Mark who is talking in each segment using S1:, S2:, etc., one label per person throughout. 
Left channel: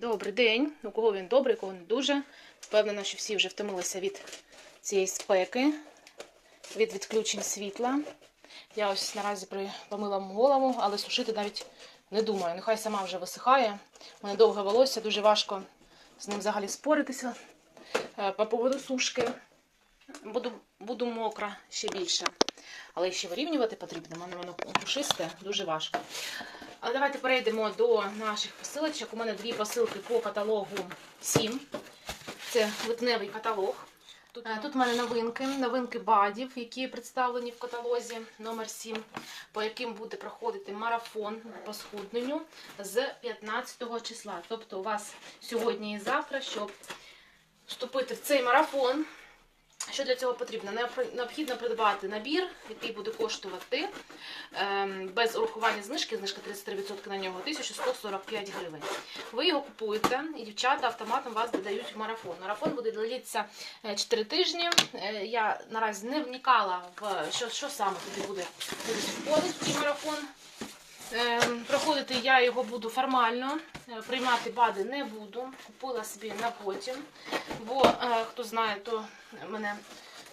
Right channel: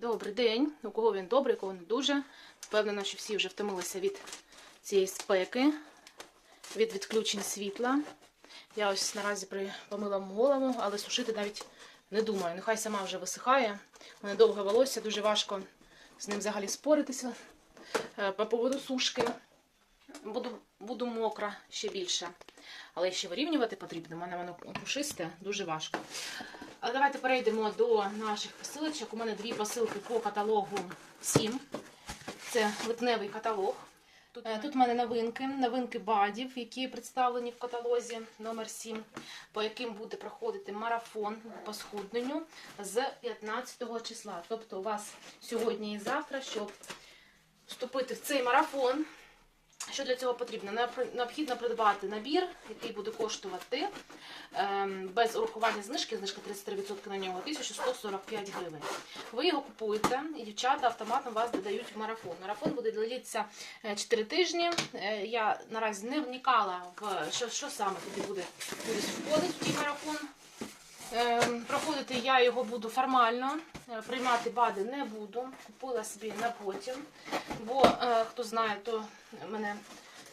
S1: Добрий день. У кого він добрий, у кого не дуже. Впевнена, що всі вже втомилися від цієї спеки, від відключень світла. Я ось наразі помила голову, але сушити навіть не думаю. Нехай сама вже висихає. У мене довге волосся, дуже важко з ним взагалі споритися Е, по поводу сушки. Буду, буду мокра ще більше. Але ще вирівнювати потрібно. У мене воно пушисте, дуже важко. Але давайте перейдемо до наших посилочок. У мене дві посилки по каталогу 7. Це липневий каталог. Тут, е, тут у мене новинки, новинки бадів, які представлені в каталозі номер 7, по яким буде проходити марафон по схудненню з 15 числа. Тобто у вас сьогодні і завтра, щоб вступити в цей марафон. Що для цього потрібно? Необхідно придбати набір, який буде коштувати ем, без урахування знижки, знижка 33% на нього 1145 гривень. Ви його купуєте, і дівчата автоматом вас додають в марафон. Марафон буде длитися 4 тижні. Е, Я наразі не вникала в що, що саме туди буде входити в цей марафон. Ем, Проходити я його буду формально, е, приймати БАДи не буду. Купила собі на потім. Бо е, хто знає, то мене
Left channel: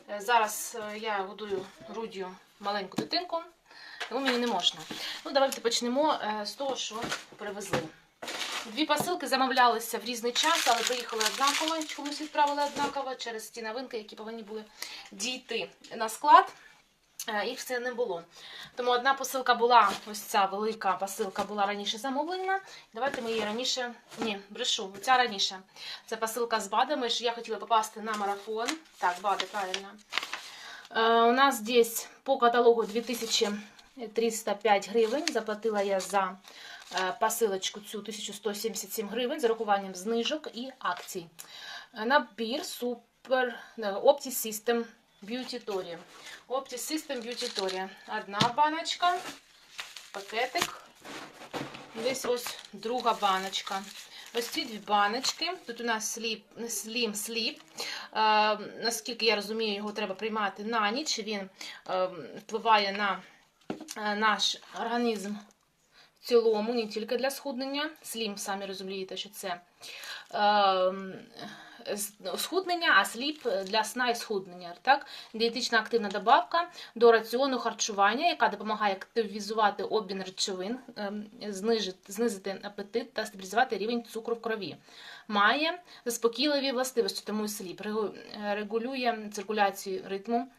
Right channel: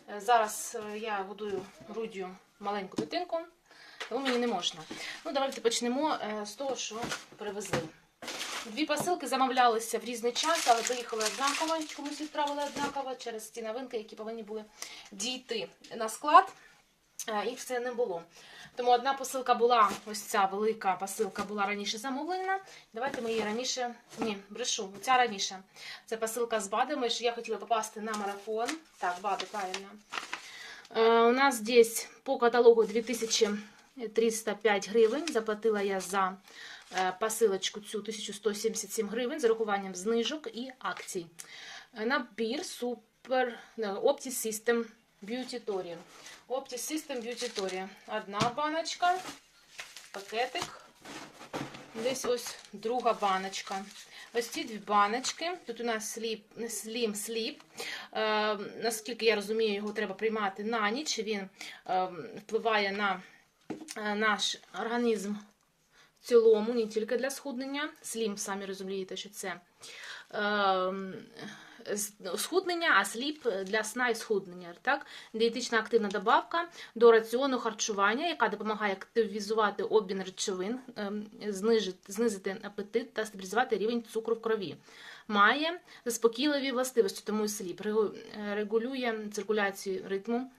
S1: е, зараз я годую груддю маленьку дитинку, тому мені не можна. Ну, давайте почнемо з того, що привезли. Дві посилки замовлялися в різний час, але поїхали однаково. Чомусь відправили однаково через ті новинки, які повинні були дійти на склад. Е, Їх все не було. Тому одна посилка була, ось ця велика посилка була раніше замовлена. Давайте ми її раніше. Ні, брешу, ця раніше. Це посилка з БАДами, я хотіла попасти на марафон. Так, БАДи, правильно. Е, У нас здесь по каталогу 2305 гривень. Заплатила я за е, посилочку цю 1177 гривень з урахуванням знижок і акцій. Набір супер Opti System Tory. Opti System Beauty Tory. Одна баночка, пакетик. Десь ось друга баночка. Ось ці дві баночки. Тут у нас сліп, слім сліп. Е, наскільки я розумію, його треба приймати на ніч. Він е, впливає на е, наш організм в цілому, не тільки для схуднення. Слім, самі розумієте, що це е, схуднення, а сліп для сна і схуднення. Так? Дієтична активна добавка до раціону харчування, яка допомагає активізувати обмін речовин, ем, знижити, знизити апетит та стабілізувати рівень цукру в крові. Має заспокійливі властивості, тому і сліп регулює циркуляцію ритму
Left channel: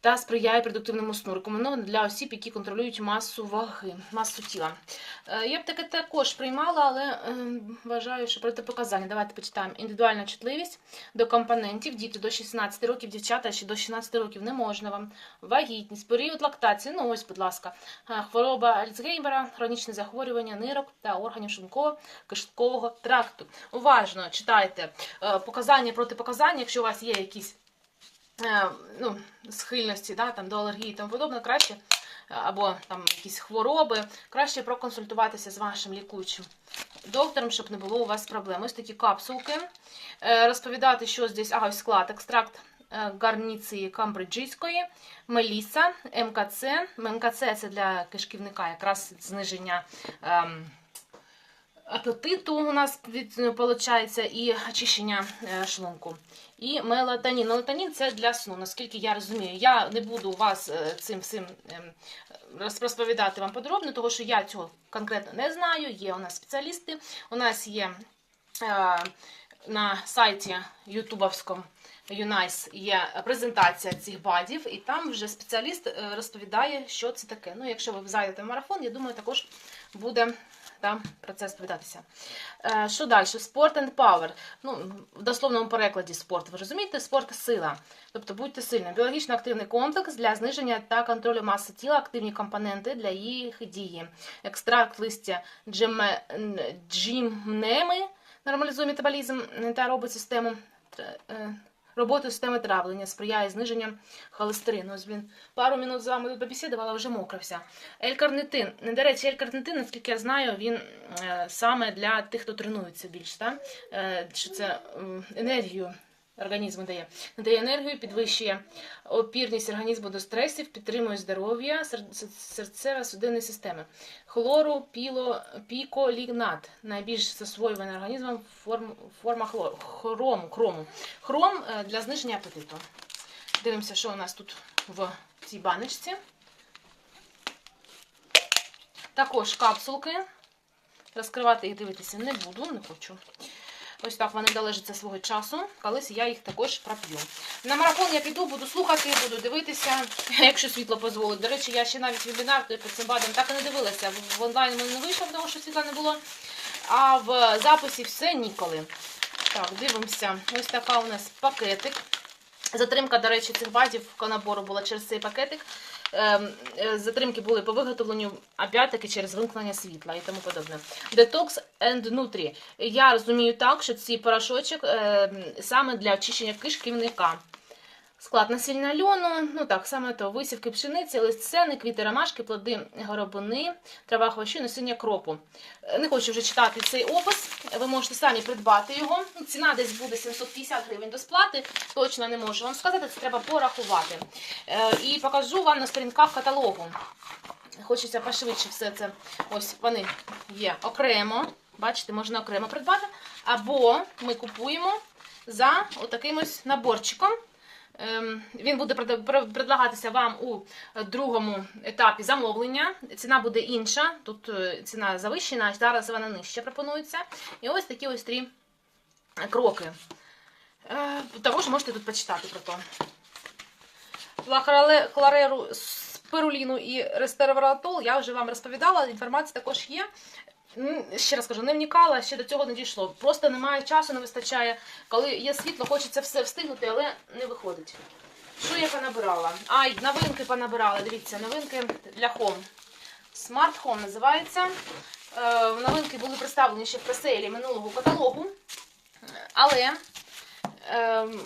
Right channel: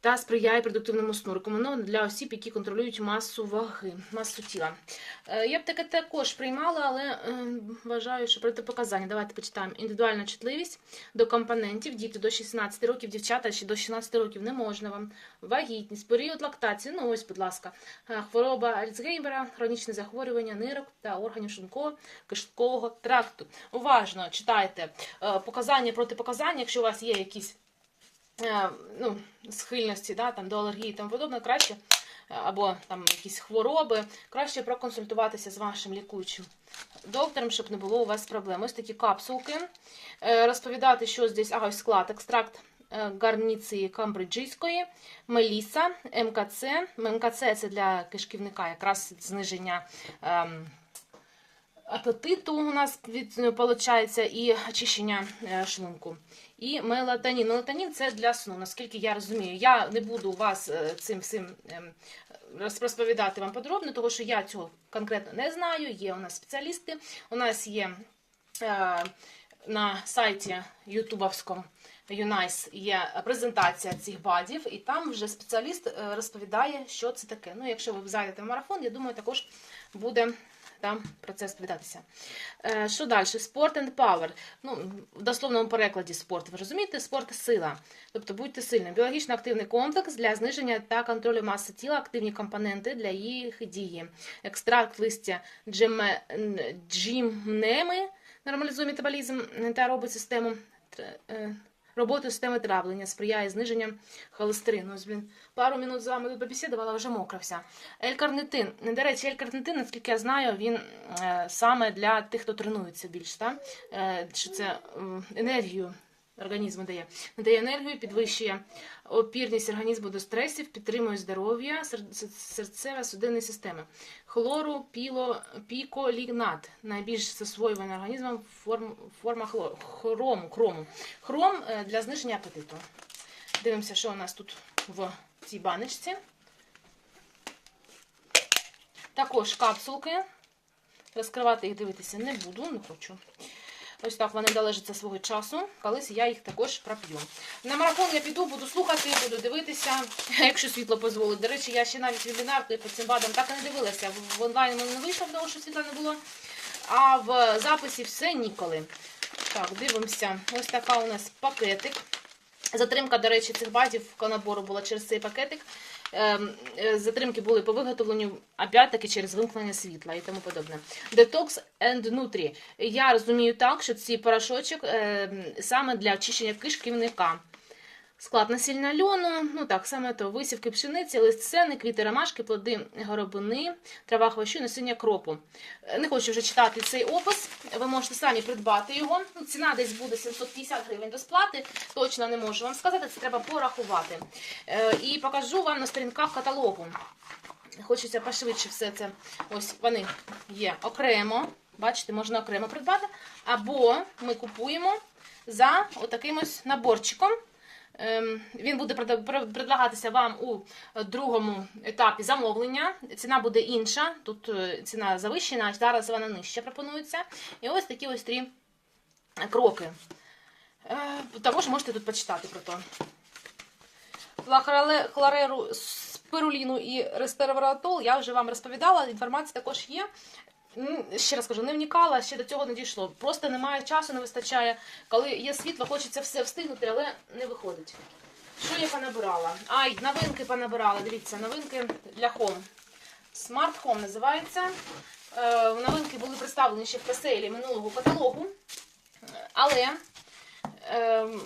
S1: та сприяє продуктивному сну. Рекомендовано для осіб, які контролюють масу ваги, масу тіла. Е, Я б таке також приймала, але ем, вважаю, що протипоказання. Давайте почитаємо. Індивідуальна чутливість до компонентів. Діти до 16 років, дівчата ще до 16 років не можна вам. Вагітність, період лактації. Ну ось, будь ласка, Е, хвороба Альцгеймера, хронічне захворювання нирок та органів шлунково-кишкового тракту. Уважно читайте е, показання, протипоказання, якщо у вас є якісь е, ну, схильності да, там, до алергії і тому подобне, краще, е, або там якісь хвороби, краще проконсультуватися з вашим лікуючим доктором, щоб не було у вас проблем. Ось такі капсулки. Е, Розповідати, що здесь, ага, ось склад, екстракт е, гарніції камбриджійської, меліса, МКЦ. МКЦ це для кишківника якраз зниження. ем, апетиту у нас виходить, і очищення е, шлунку. І мелатонін. Мелатонін це для сну, наскільки я розумію. Я не буду вас е, цим всім ем, розповідати вам подробно, тому що я цього конкретно не знаю. Є у нас спеціалісти. У нас є е, на сайті ютубовському Юнайс є презентація цих бадів, і там вже спеціаліст розповідає, що це таке. Ну, якщо ви зайдете в марафон, я думаю, також буде там про це розповідатися. Е, Що далі? Sport and Power. Ну, в дословному перекладі спорт. Ви розумієте? Спорт сила. Тобто будьте сильним. Біологічно активний комплекс для зниження та контролю маси тіла, активні компоненти для їх дії. Екстракт листя джеме, джімнеми нормалізує метаболізм та робить систему. Е, Роботу системи травлення сприяє зниженню холестерину. Ось він пару минут з вами тут побесідувала, вже мокра вся. L-карнитин. До речі, L-карнитин, наскільки я знаю, він е, саме для тих, хто тренується більш, так? Чи що це енергію організму дає. Надає енергію, підвищує опірність організму до стресів, підтримує здоров'я серцево-судинної системи. Хлору, піло, піколігнат. Найбільш засвоювана організмом форм, форма хлор, хрому. Хром е, для зниження апетиту. Дивимося, що у нас тут в цій баночці. Також капсулки. Розкривати їх дивитися не буду, не хочу. Ось так вони залежаться свого часу. Колись я їх також проп'ю. На марафон я піду, буду слухати, буду дивитися, якщо світло дозволить. До речі, я ще навіть вебінар по цим БАДам так і не дивилася. В- онлайн мене не вийшло, тому що світла не було. А в записі все ніколи. Так, дивимося. Ось така у нас пакетик. Затримка, до речі, цих бадів набору була через цей пакетик. Ем, е, Затримки були по виготовленню, опять-таки через вимкнення світла і тому подобне. Detox and Nutri. Я розумію так, що цей порошочок ем, саме для очищення кишківника. Склад насіння льону, ну так, саме то висівки пшениці, лист сени, квіти ромашки, плоди горобини, трава хвощу, насіння кропу. Е, Не хочу вже читати цей опис. Ви можете самі придбати його. Ну, Ціна десь буде 750 гривень до сплати. Точно не можу вам сказати, це треба порахувати. Е, І покажу вам на сторінках каталогу. Хочеться пошвидше все це. Ось вони є окремо. Бачите, можна окремо придбати. Або ми купуємо за отаким ось наборчиком. Ем, Він буде предлагатися вам у другому етапі замовлення. Ціна буде інша. Тут е, ціна завищена, а зараз вона нижче пропонується. І ось такі ось три кроки. Е, Також можете тут почитати про то. Хлореру, спируліну і рестерваратол я вже вам розповідала. Інформація також є. Ще раз кажу, не вникала, ще до цього не дійшло. Просто немає часу, не вистачає. Коли є світло, хочеться все встигнути, але не виходить. Що я понабирала? Ай, новинки понабирала. Дивіться, новинки для Home. Smart Home називається. Е, новинки були представлені ще в преселі минулого каталогу. Але ем,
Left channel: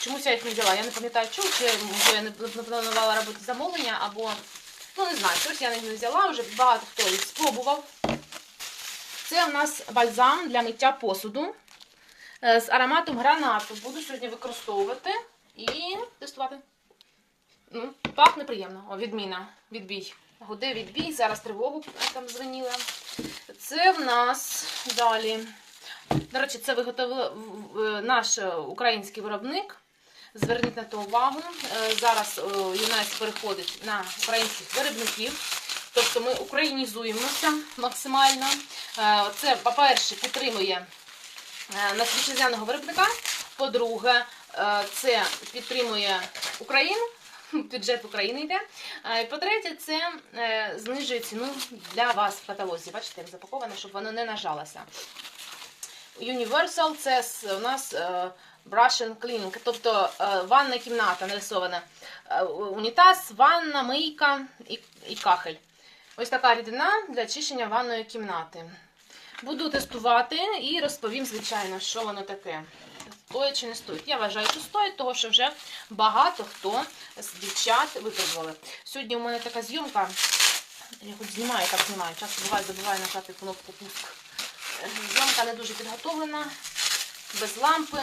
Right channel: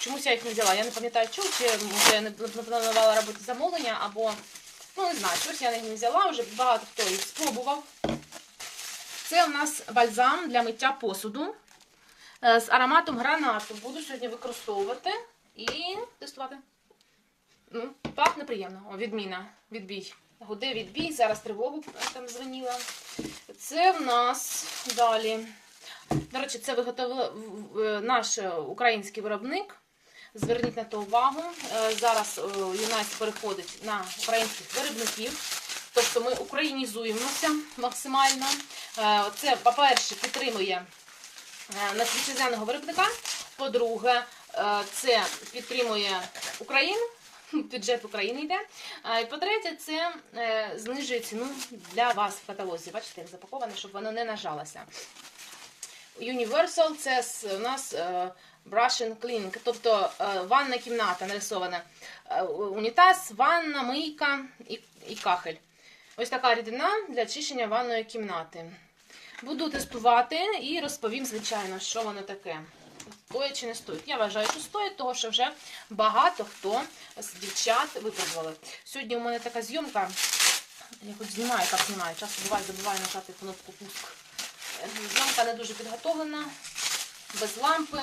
S1: чомусь я їх не взяла. Я не пам'ятаю, чому, чи я не планувала робити замовлення, або ну не знаю, щось я не взяла, вже багато хто їх спробував. Це у нас бальзам для миття посуду е, з ароматом гранату. Буду сьогодні використовувати і тестувати. Ну, так неприємно. О, відміна. Відбій. Гуде відбій. Зараз тривогу там дзвоніла. Це в нас далі. До речі, це виготовив е, наш український виробник. Зверніть на то увагу. Е, Зараз Юнайс переходить на українських виробників. Тобто ми українізуємося максимально. Е, Це, по-перше, підтримує е, нас вітчизняного виробника. По-друге, е, це підтримує Україну. Бюджет України йде. І По-третє, це знижує ціну для вас в каталозі. Бачите, як запаковано, щоб воно не нажалося. Universal це у нас brush and cleaning, тобто ванна кімната нарисована. Унітаз, ванна, мийка і кахель. Ось така рідина для очищення ванної кімнати. Буду тестувати і розповім, звичайно, що воно таке. Стоїть чи не стоїть. Я вважаю, що стоїть, тому що вже багато хто з дівчат випробували. Сьогодні у мене така зйомка. Я хоч знімаю, як знімаю. Часто буває, забуваю нажати кнопку пуск. Зйомка не дуже підготовлена, без лампи.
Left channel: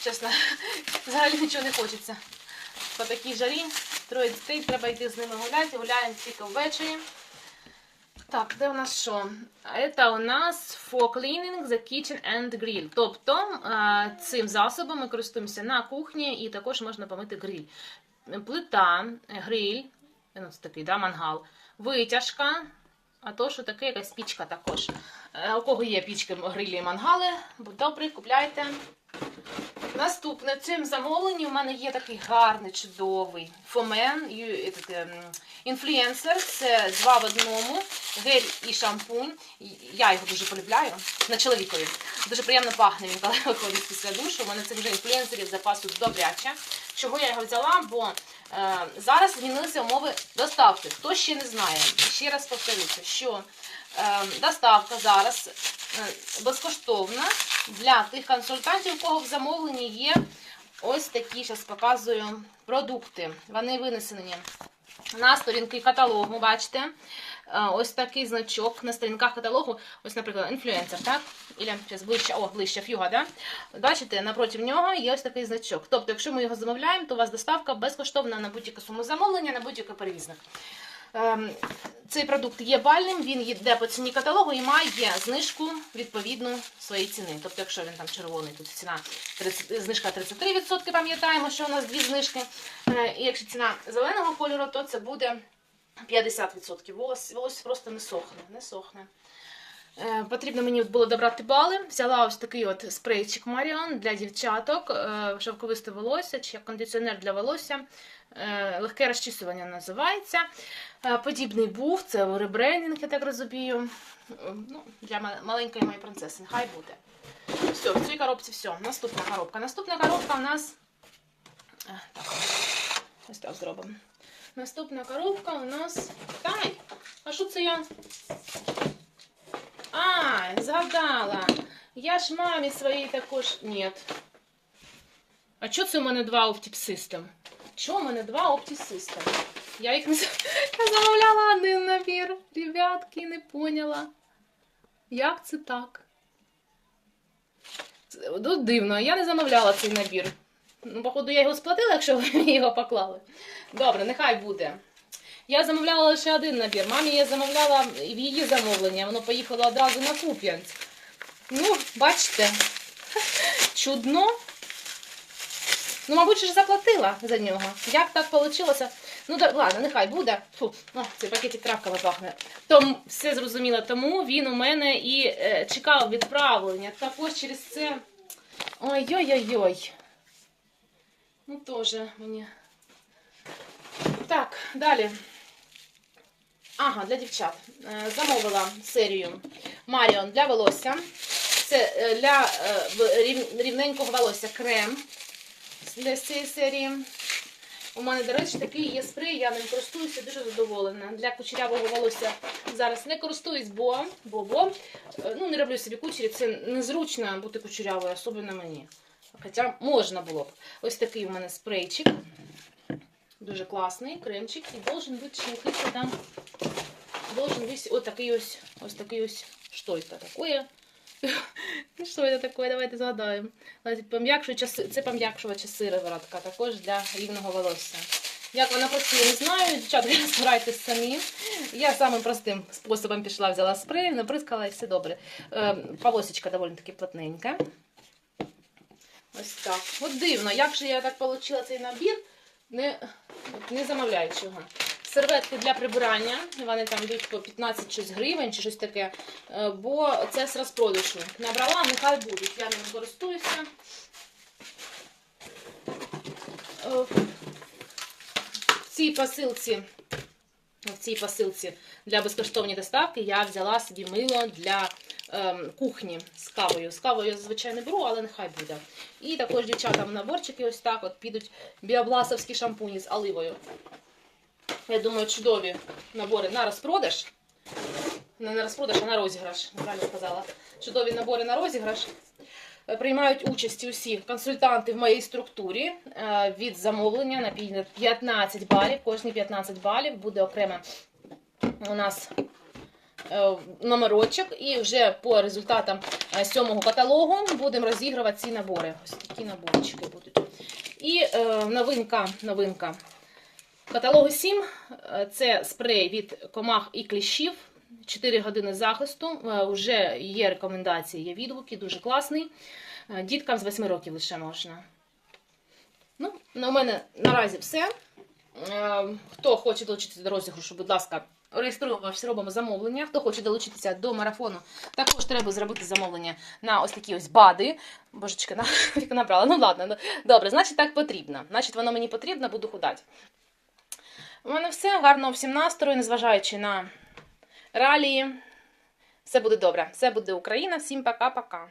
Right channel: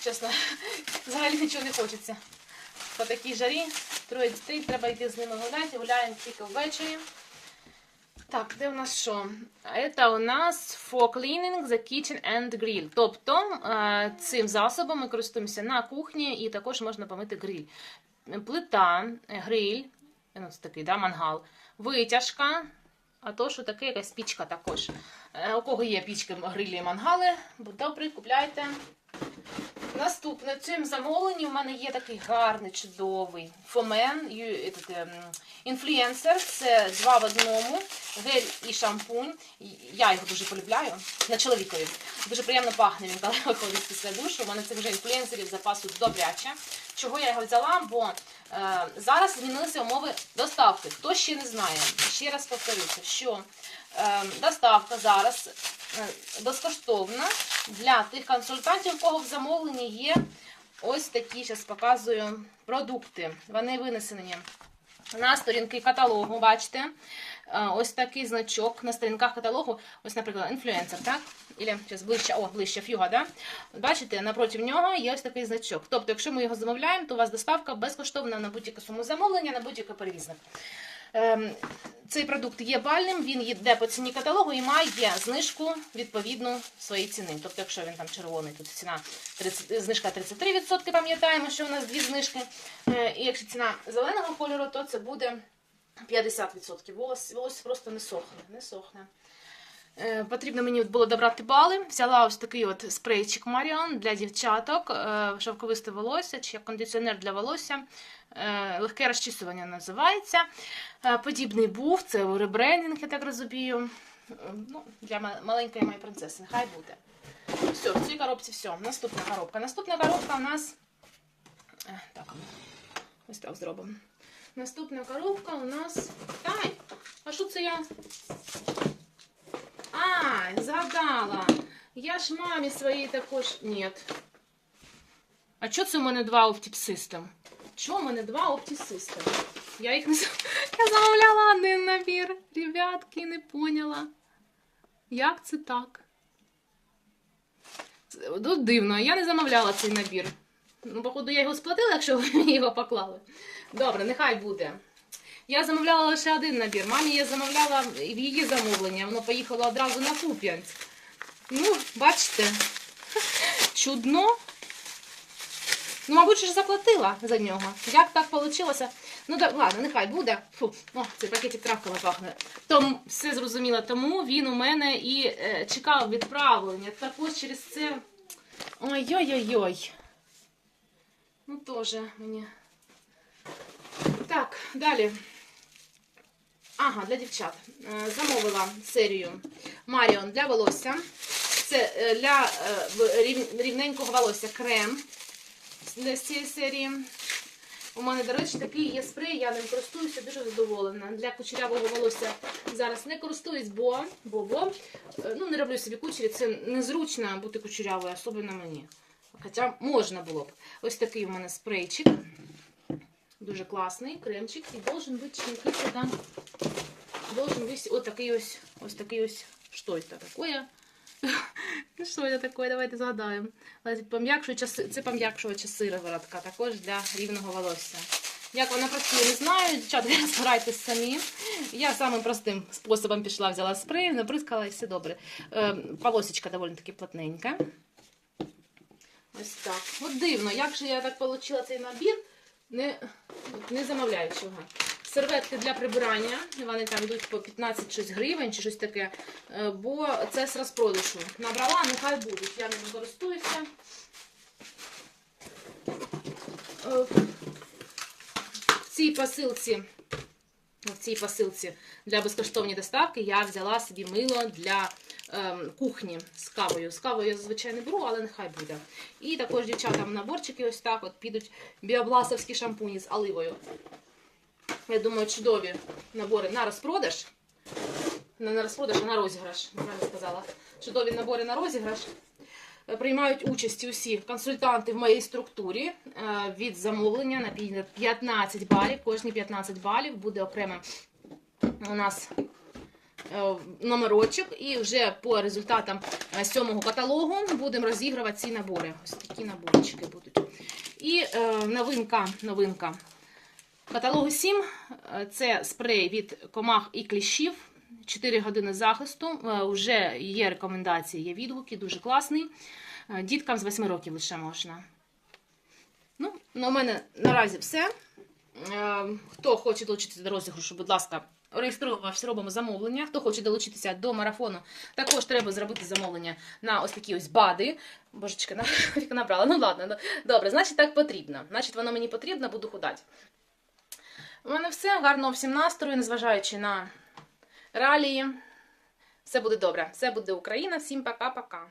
S1: Чесно, взагалі нічого не хочеться. По такій жарі троє дітей, треба йти з ними гуляти, гуляємо тільки ввечері. Так, де у нас що? Це у нас for cleaning the kitchen and grill. Тобто е, цим засобом ми користуємося на кухні і також можна помити гриль. Плита, гриль, ну це такий, да, мангал, витяжка, а то, що таке якась пічка також. Е, У кого є пічки, грилі і мангали, добрий, купляйте. Наступне в цьому замовленні у мене є такий гарний, чудовий фомен, ем, інфлюенсер. Це два в одному, гель і шампунь. Я його дуже полюбляю на чоловікові. Дуже приємно пахне він, коли виходить після душу. У мене цих вже інфлюенсерів запасу добряче. Чого я його взяла? Бо е, зараз змінилися умови доставки. Хто ще не знає, ще раз повторюся, що доставка зараз е, безкоштовна для тих консультантів, у кого в замовленні є ось такі, зараз показую, продукти. Вони винесені на сторінки каталогу, бачите. Е, Ось такий значок на сторінках каталогу, ось, наприклад, інфлюенсер, так? Ілля, зараз ближче, о, ближче фюга, да? Бачите, напроти нього є ось такий значок. Тобто, якщо ми його замовляємо, то у вас доставка безкоштовна на будь-яку суму замовлення, на будь-який перевізник. Ем, цей продукт є бальним, він йде по ціні каталогу і має знижку відповідно своєї ціни. Тобто, якщо він там червоний, тут ціна 30, знижка 33%, пам'ятаємо, що у нас дві знижки. Е, І якщо ціна зеленого кольору, то це буде 50%. Волос, волос просто не сохне. Не сохне. Е, Потрібно мені було добрати бали. Взяла ось такий от спрейчик Маріон для дівчаток, е, шовковисте волосся чи кондиціонер для волосся. Е, Легке розчісування називається. Подібний був, це ребрендинг, я так розумію. Ну, для маленької моєї принцеси. Нехай буде. Все, в цій коробці все. Наступна коробка. Наступна коробка у нас. Так, ось так зробимо. Наступна коробка у нас. Тай! А що це я? Згадала. Я ж мамі своїй також. Ні. А чого це в мене два System? Чого в мене два System? Я їх не замовляла один набір. Ребятки, не поняла. Як це так? Це- Ну, дивно, я не замовляла цей набір. Ну, походу, я його сплатила, якщо ви мені його поклали. Добре, нехай буде. Я замовляла лише один набір. Мамі я замовляла в її замовлення. Воно поїхало одразу на Куп'янськ. Ну, бачите, чудно. Ну, мабуть, ж заплатила за нього. Як так вийшло? Ну, да, ладно, нехай буде. Фу, о, цей пакетик травками пахне. Тому все зрозуміло, тому він у мене і е, чекав відправлення. Також через це. Ой-ой-ой-ой. Ну, теж мені. Так, далі. Ага, для дівчат. Е, Замовила серію Маріон для волосся. Це е, для е, рівненького волосся крем для цієї серії. У мене, до речі, такий є спрей, я ним користуюся, дуже задоволена. Для кучерявого волосся зараз не користуюсь, бо, бо, бо ну, не роблю собі кучері, це незручно бути кучерявою, особливо мені. Хоча можна було б. Ось такий у мене спрейчик. Дуже класний кремчик. І должен бути ще якийсь там. Должен бути ось такий ось, ось такий ось. Що це таке? Що це таке? Давайте згадаємо. Це пом'якшувача сироватка, також для рівного волосся. Як вона працює, не знаю. Дівчатка, збирайтесь самі. Я самим простим способом пішла, взяла спрей, наприскала і все добре. Е, Полосечка доволі таки плотненька. Ось так. От дивно, як же я так отримала цей набір, не, не замовляючи його. Серветки для прибирання, вони там йдуть по 15 щось гривень чи щось таке, е, бо це з розпродажу. Набрала, нехай будуть. Я ними користуюся. Е, В цій посилці, в цій посилці для безкоштовної доставки я взяла собі мило для кухні з кавою. З кавою я зазвичай не беру, але нехай буде. І також дівчатам наборчики ось так от підуть біобласовські шампуні з оливою. Я думаю, чудові набори на розпродаж. Не на розпродаж, а на розіграш. Правильно сказала. Чудові набори на розіграш. Е, Приймають участь усі консультанти в моїй структурі е, від замовлення на 15 балів. Кожні 15 балів буде окремо у нас номерочок. І вже по результатам е, сьомого каталогу будемо розігрувати ці набори. Ось такі наборчики будуть. І е, новинка, новинка. Каталогу 7 е, це спрей від комах і кліщів. 4 години захисту. Е, Уже є рекомендації, є відгуки, дуже класний. Е, Діткам з 8 років лише можна. Ну, на у мене наразі все. Е, Хто хоче долучитися до розіграшу, будь ласка, реєструємося, робимо замовлення. Хто хоче долучитися до марафону, також треба зробити замовлення на ось такі ось бади. Божечка, на, набрала. Ну ладно, ну, добре, значить так потрібно. Значить, воно мені потрібно, буду худати. У мене все. Гарного всім настрою, незважаючи на реалії. Все буде добре. Все буде Україна. Всім пока-пока.